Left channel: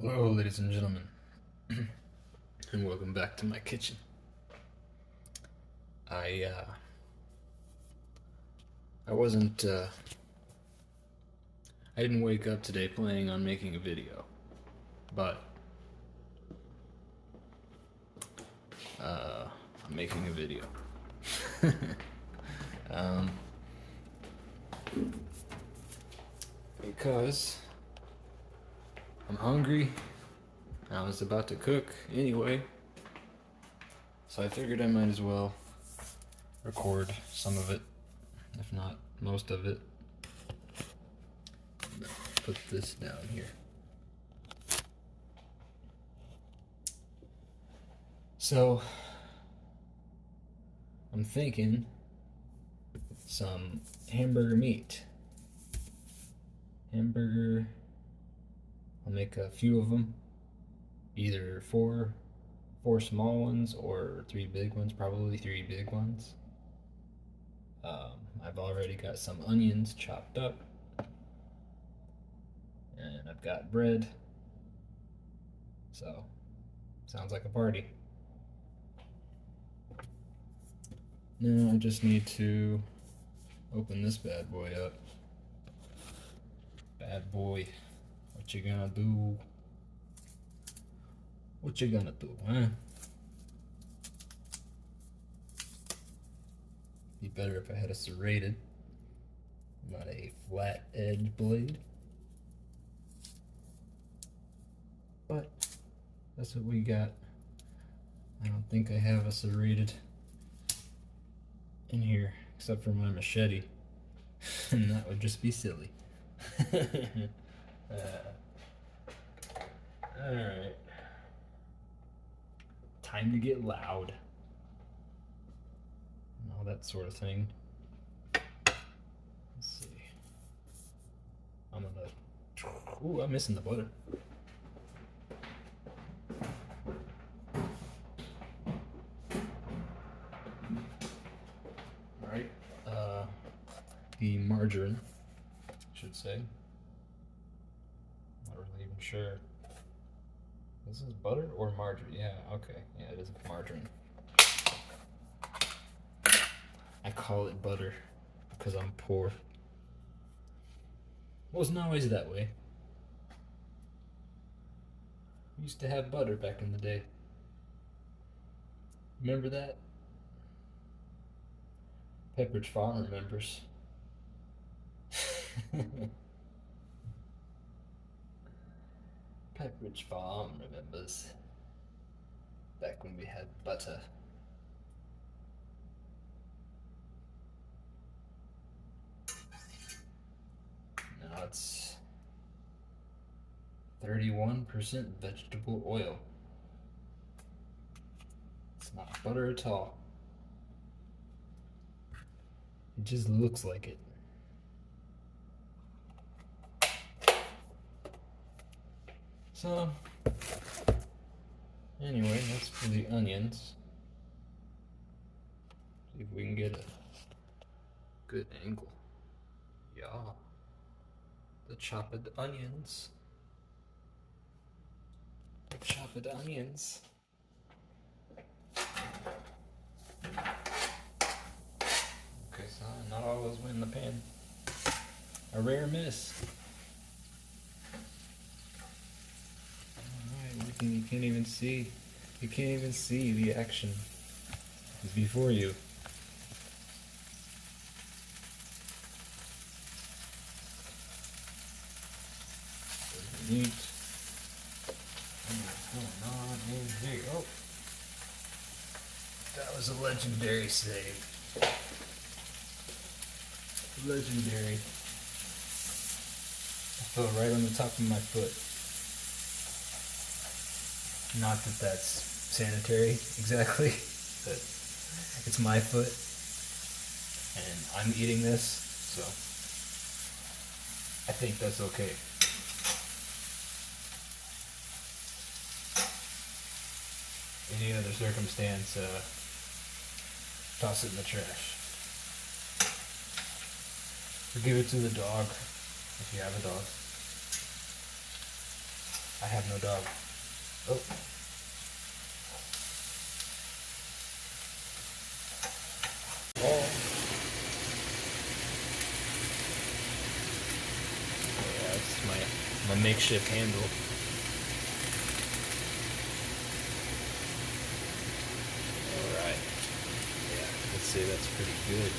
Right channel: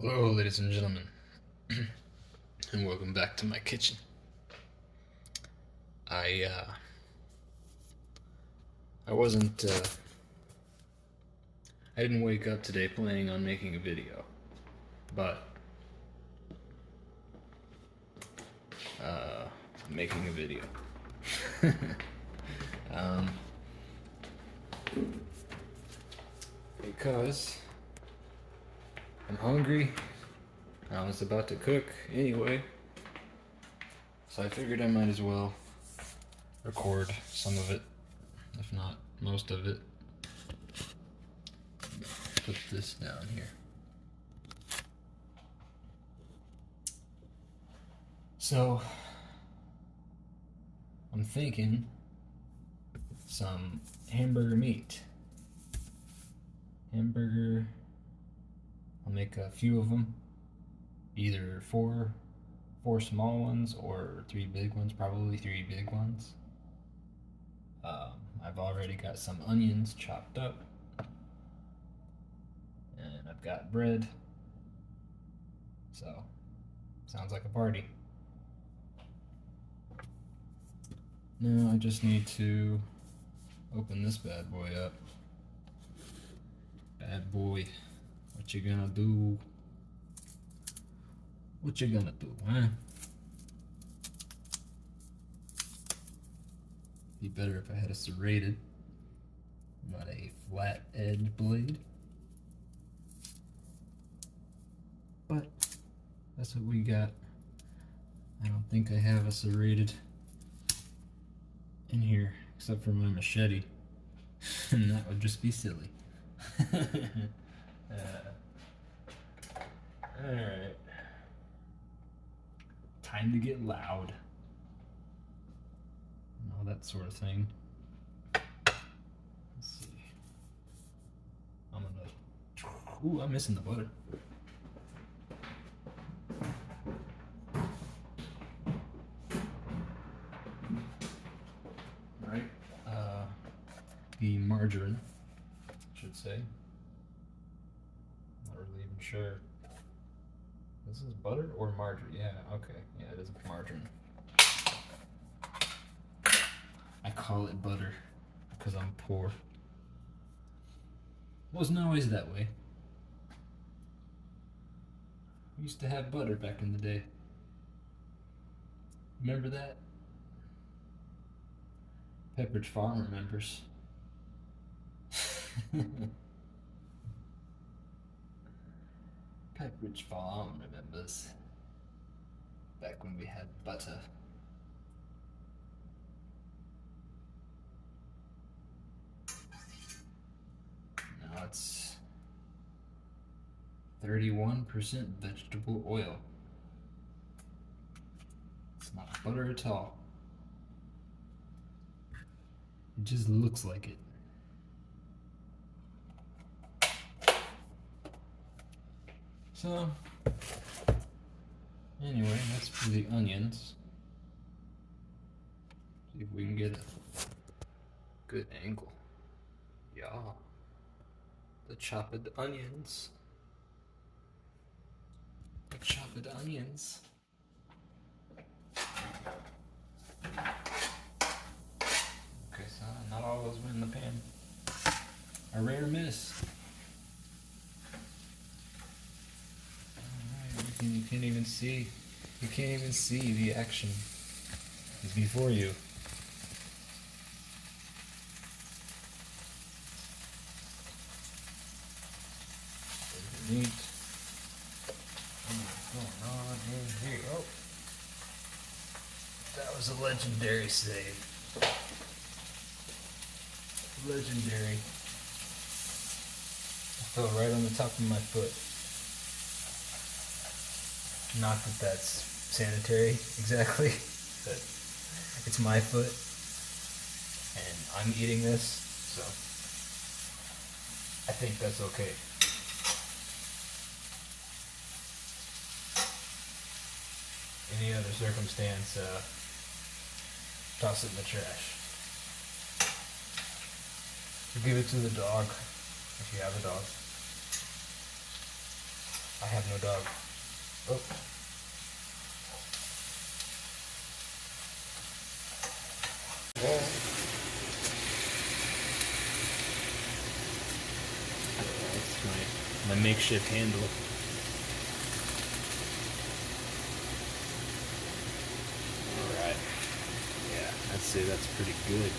Hello, ladies and gentlemen, and welcome back to my kitchen. I wasn't I didn't wake up today planning on making a video, but I'm making a video. um, because I'm hungry. I was about to cook anyway, so I figured I might as well record some of it, if not most of it. Put this down here. So, I'm thinking some hamburger meat. I'll make a few of them, either four small ones or 3 big ones, probably 3 big ones. I've already got some onions chopped up, and I've got bread, so sounds like a party. Now I just need to open this bad boy up. Bad boy, what you gonna do? What you gonna do, huh? Be better if I had a serrated, not a flat edge blade. But that's what we got. I don't think I have a serrated in here, except for my machete, and that would just be silly. Alright. Time to get loud. And all that sort of thing. Let's see. I'm gonna... Ooh, I'm missing the butter. Alright. The margarine, I should say. Not really even sure. This is butter or margarine? Yeah, okay. Yeah, it is margarine. I call it butter because I'm poor. Wasn't always that way. We used to have butter back in the day. Remember that? Pepperidge Farm remembers. Pepperidge Farm remembers. Back when we had butter. Now it's 31% vegetable oil. It's not butter at all. It just looks like it. So, anyway, that's for the onions. See if we can get a good angle. Yeah. The chopped onions. The chopped onions. Okay, so not all those went in the pan. A rare miss. Alright, you can't even see. You can't even see the action. It's before you. Meat. What's going on in here? Oh, that was a legendary save. Legendary. I fell right on the top of my foot. Not that that's sanitary exactly, but it's my foot, and I'm eating this, so I think that's okay. Any other circumstance, toss it in the trash. Or give it to the dog, if you have a dog. I have no dog. Oh. Yeah, that's my makeshift handle. Alright. Yeah, I'd say that's pretty good.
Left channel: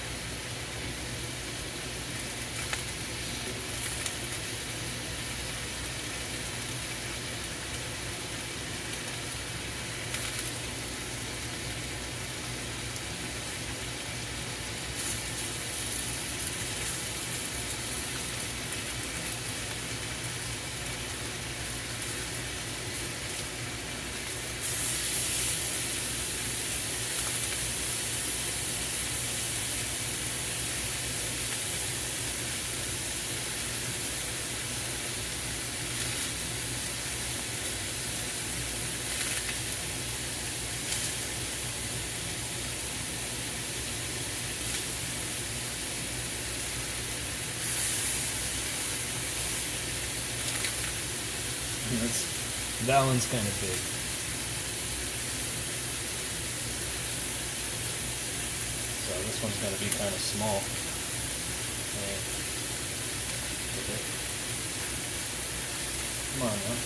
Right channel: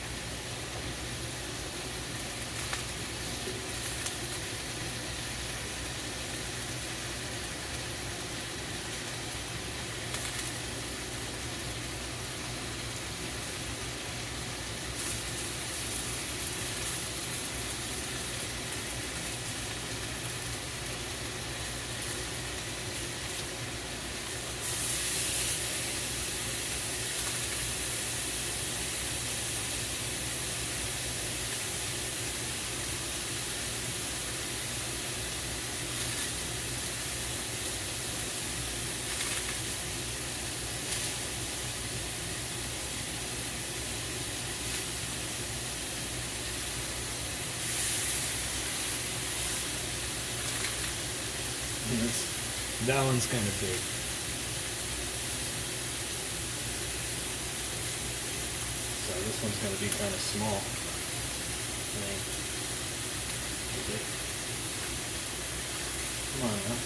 That one's kind of big. So this one's going to be kind of small. Okay. Come on now.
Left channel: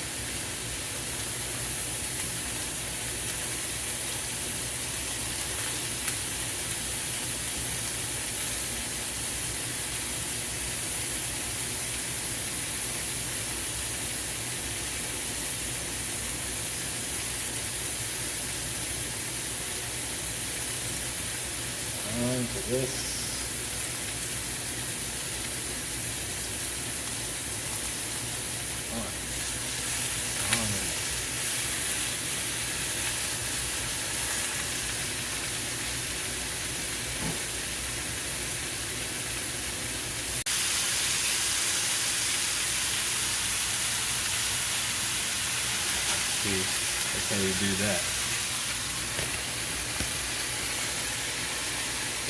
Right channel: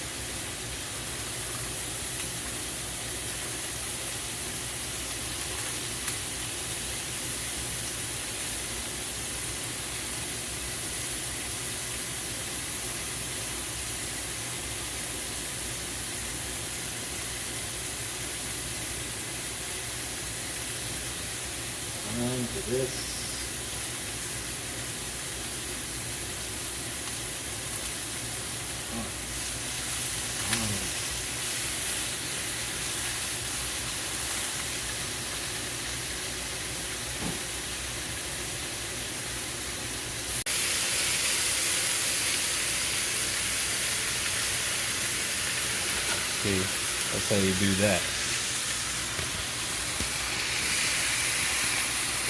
Time for this. See, that's how you do that.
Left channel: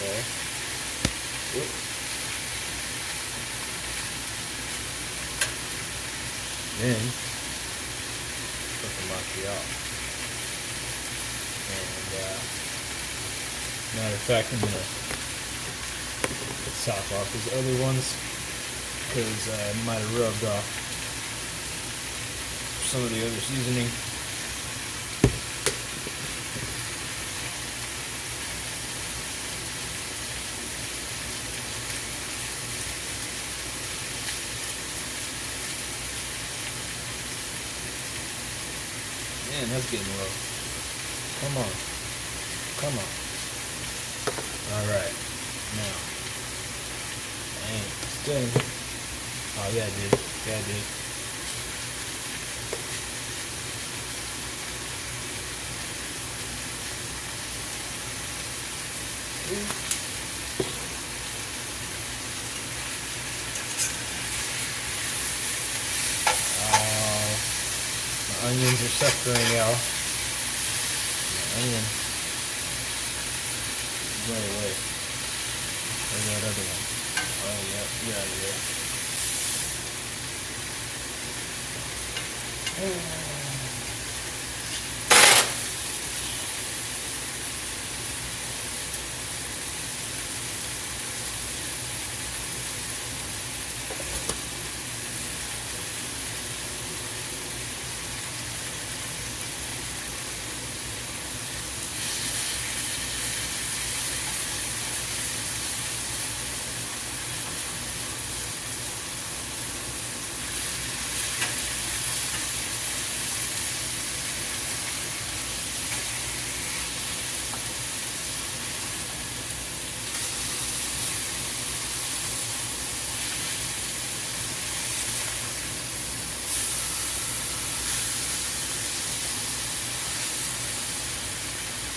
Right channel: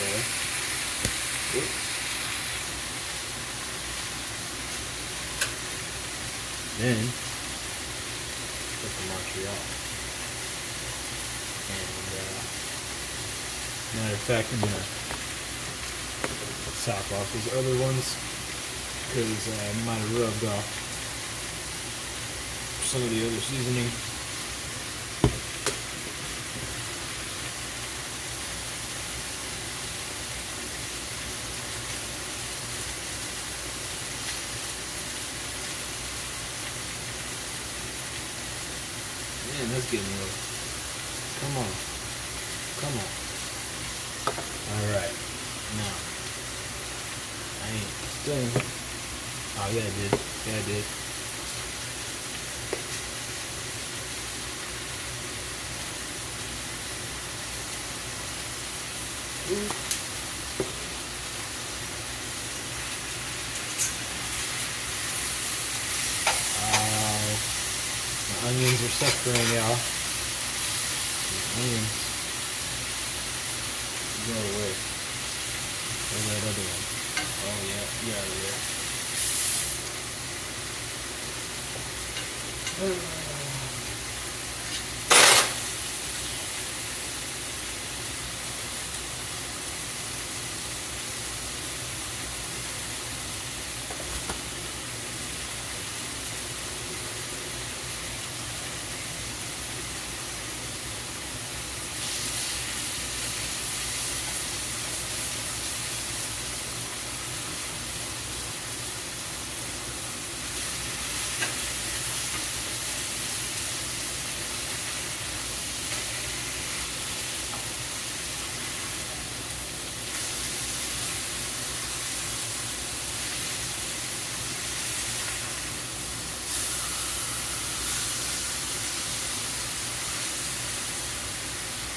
Okay. Oops. Then put the Montreal. And matter of fact, I'm gonna sop off these other ones because I might have rubbed off some of the other seasoning. Man, that's getting low. Come on. Come on. Alright. Now. I ain't still. Oh, yeah, I did. Yeah, I did. My onions are suffering, y'all. My onion. Go away. Where's that other one? Oh yeah, get out of there.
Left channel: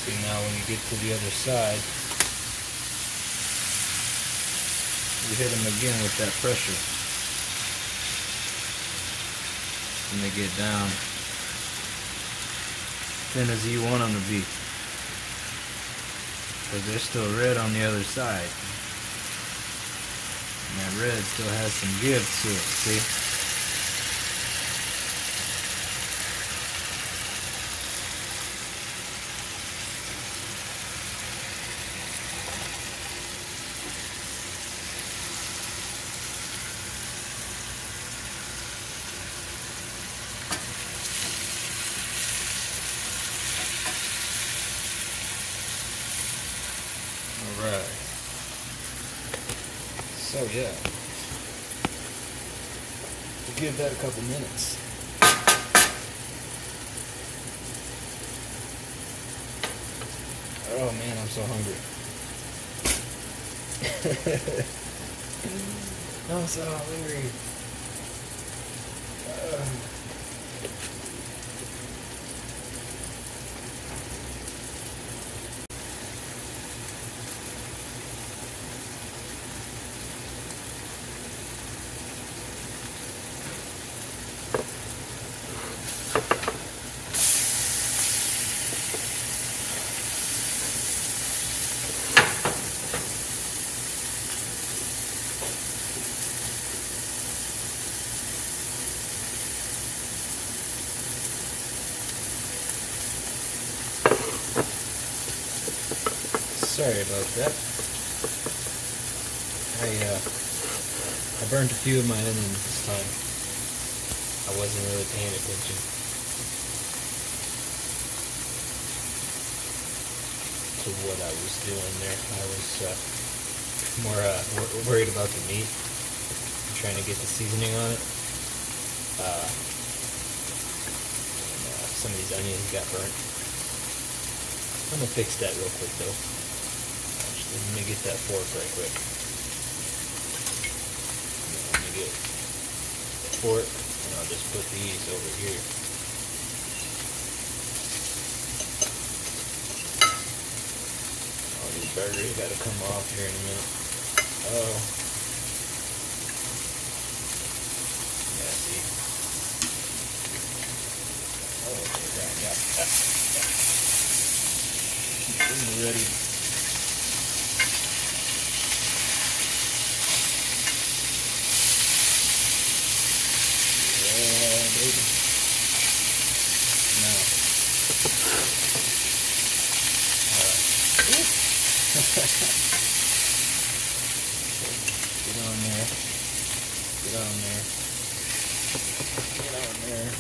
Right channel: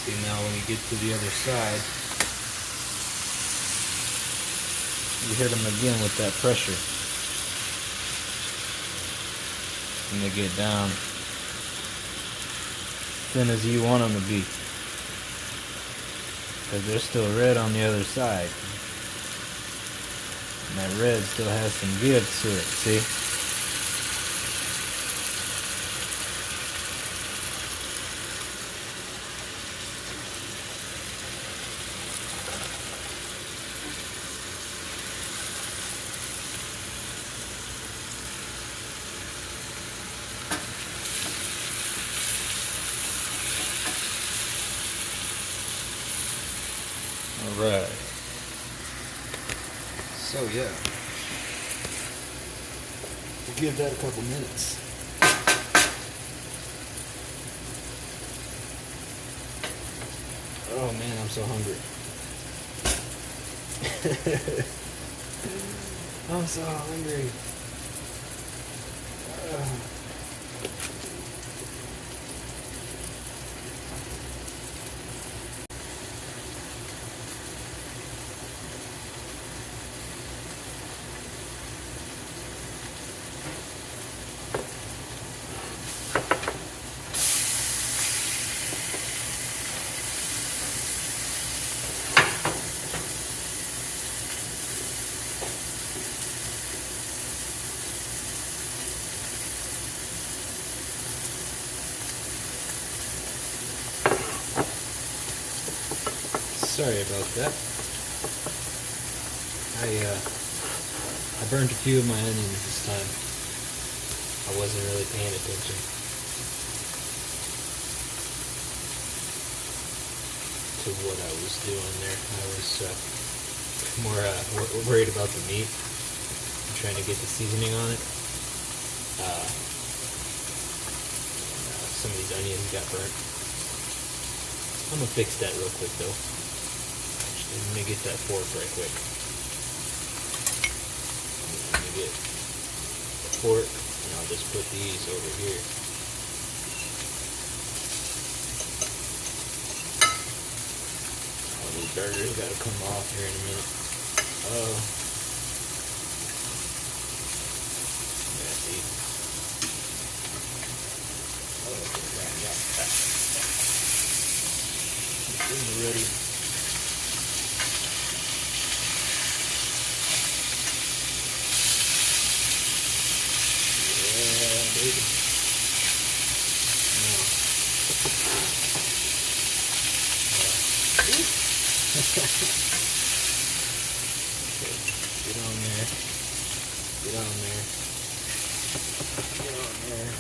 See, now when you get to the other side, you hit them again with that pressure. And they get down thin as you want them to be. Because they're still red on the other side. And that red still has some give to it, see? Alright. So yeah. We'll give that a couple minutes. Oh man, I'm so hungry. I'm so hungry. Sorry about that. I burned a few of my onions this time. I wasn't really paying attention to what I was doing there. I was more worried about the meat. I'm trying to get the seasoning on it. Some of these onions got burnt. I'm gonna fix that real quick though. Let me get that fork right quick. Let me get the fork, and I'll just put these over here. All these burgers gotta come off here in a minute. Oh. Yeah, see? Oh, okay, right, yeah. Ready. Get on there. Get on there. Get on there.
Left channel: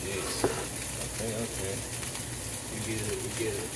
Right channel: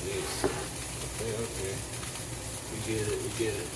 Jeez. Okay. We get it.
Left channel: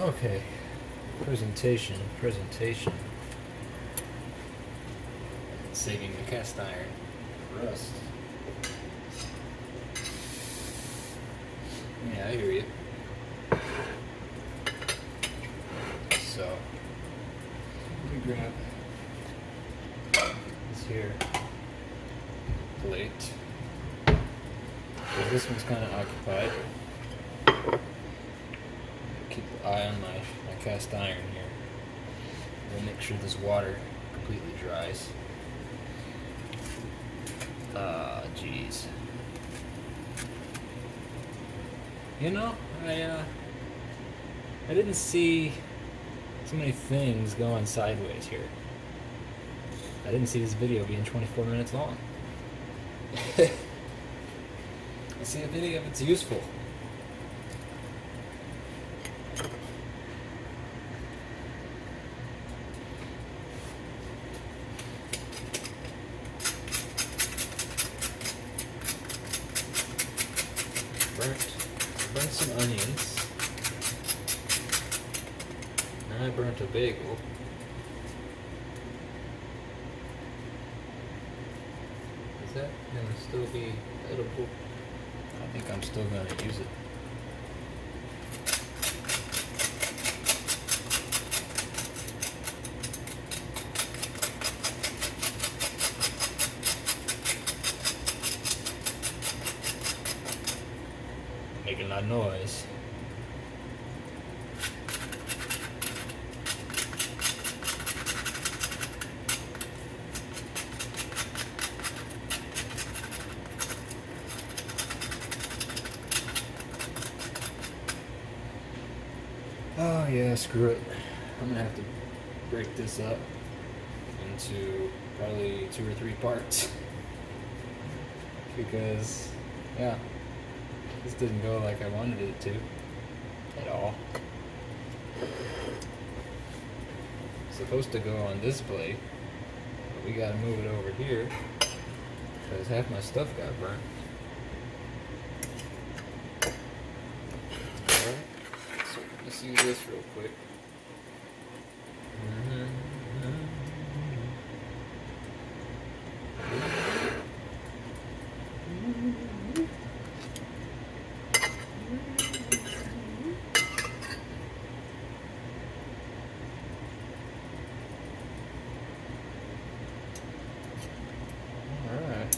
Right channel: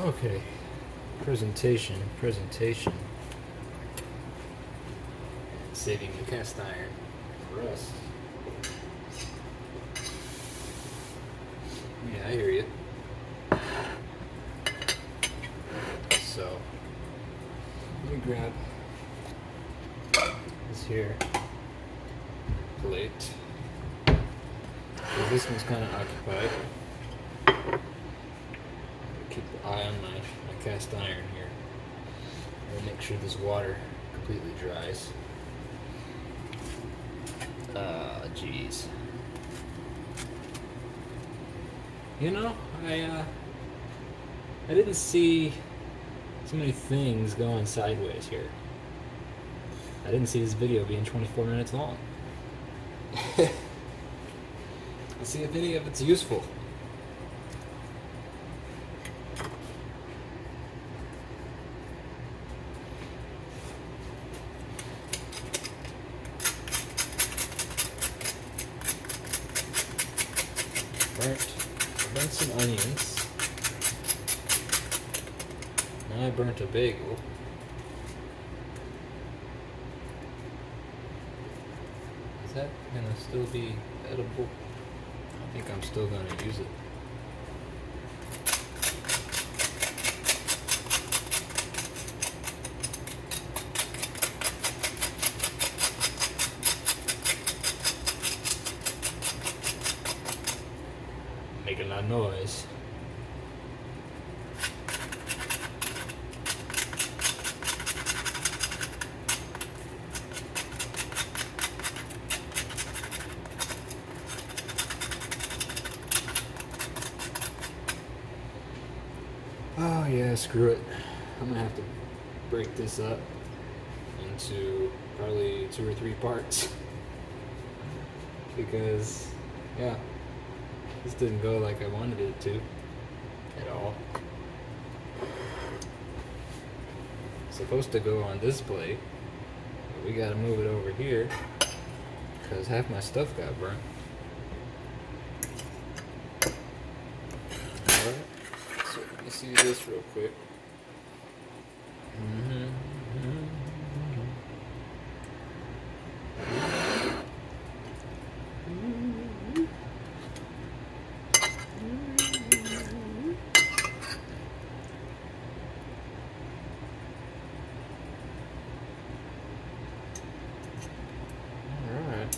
Okay, presentation. Saving the cast iron for rust. Yeah, I hear you. So, let me grab this here plate. So this one's kind of occupied. Keep the eye on my cast iron here. I'll make sure this water completely dries. Jeez. You know, I didn't see so many things going sideways here. I didn't see this video being 24 minutes long. Let's see a video if it's useful. Burnt some onions. And I burnt a bagel. Is that gonna still be edible? I think I'm still gonna use it. Making a lot of noise. Oh yeah, screw it. I'm gonna have to break this up into probably 2 or 3 parts. Because, yeah, this didn't go like I wanted it to at all. It's supposed to go on this plate, but we gotta move it over here because half my stuff got burnt. Alright, so let me see this real quick. Alright.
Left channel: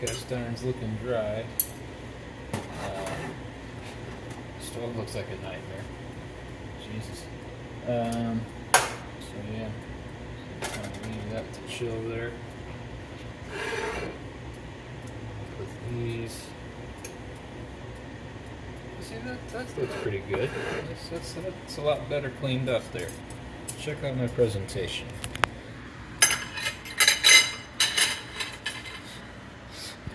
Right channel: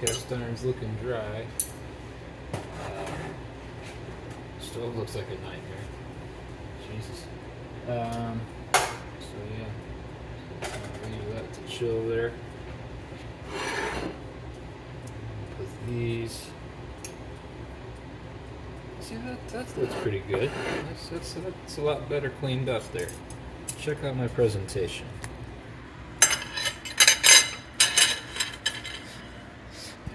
Cast iron's looking dry. Stove looks like a nightmare. Jesus. So yeah, kind of leave that to chill there. With these, see that looks pretty good. That's a lot better cleaned up there. Check out my presentation.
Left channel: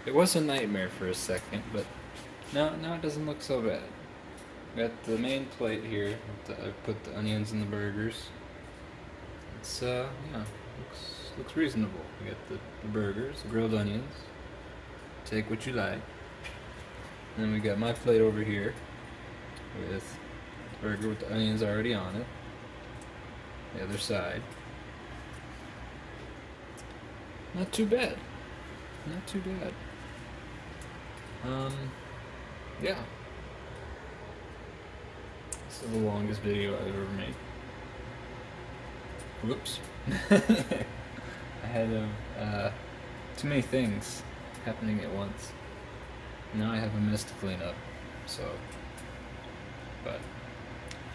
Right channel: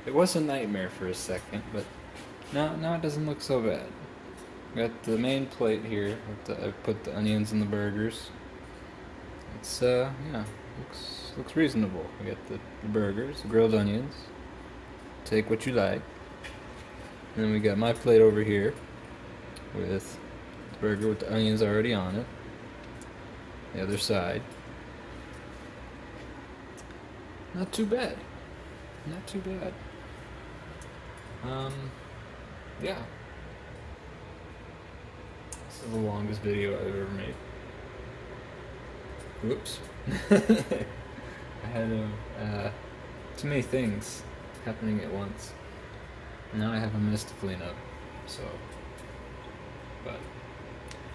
It was a nightmare for a second, but now it doesn't look so bad. Got the main plate here. I put the onions and the burgers. It's yeah, looks reasonable. We got the burgers, the grilled onions. Take what you like. And then we got my plate over here with the burger with the onions already on it. The other side. Not too bad. Not too bad. Yeah. This is the longest video I've ever made. Whoops. I had too many things happening at once. Now I have a mess to clean up, so. But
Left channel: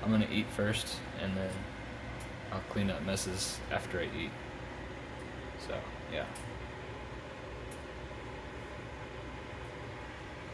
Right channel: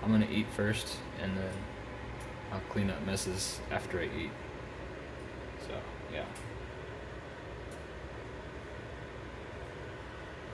I'm gonna eat first, and then I'll clean up messes after I eat. So, yeah.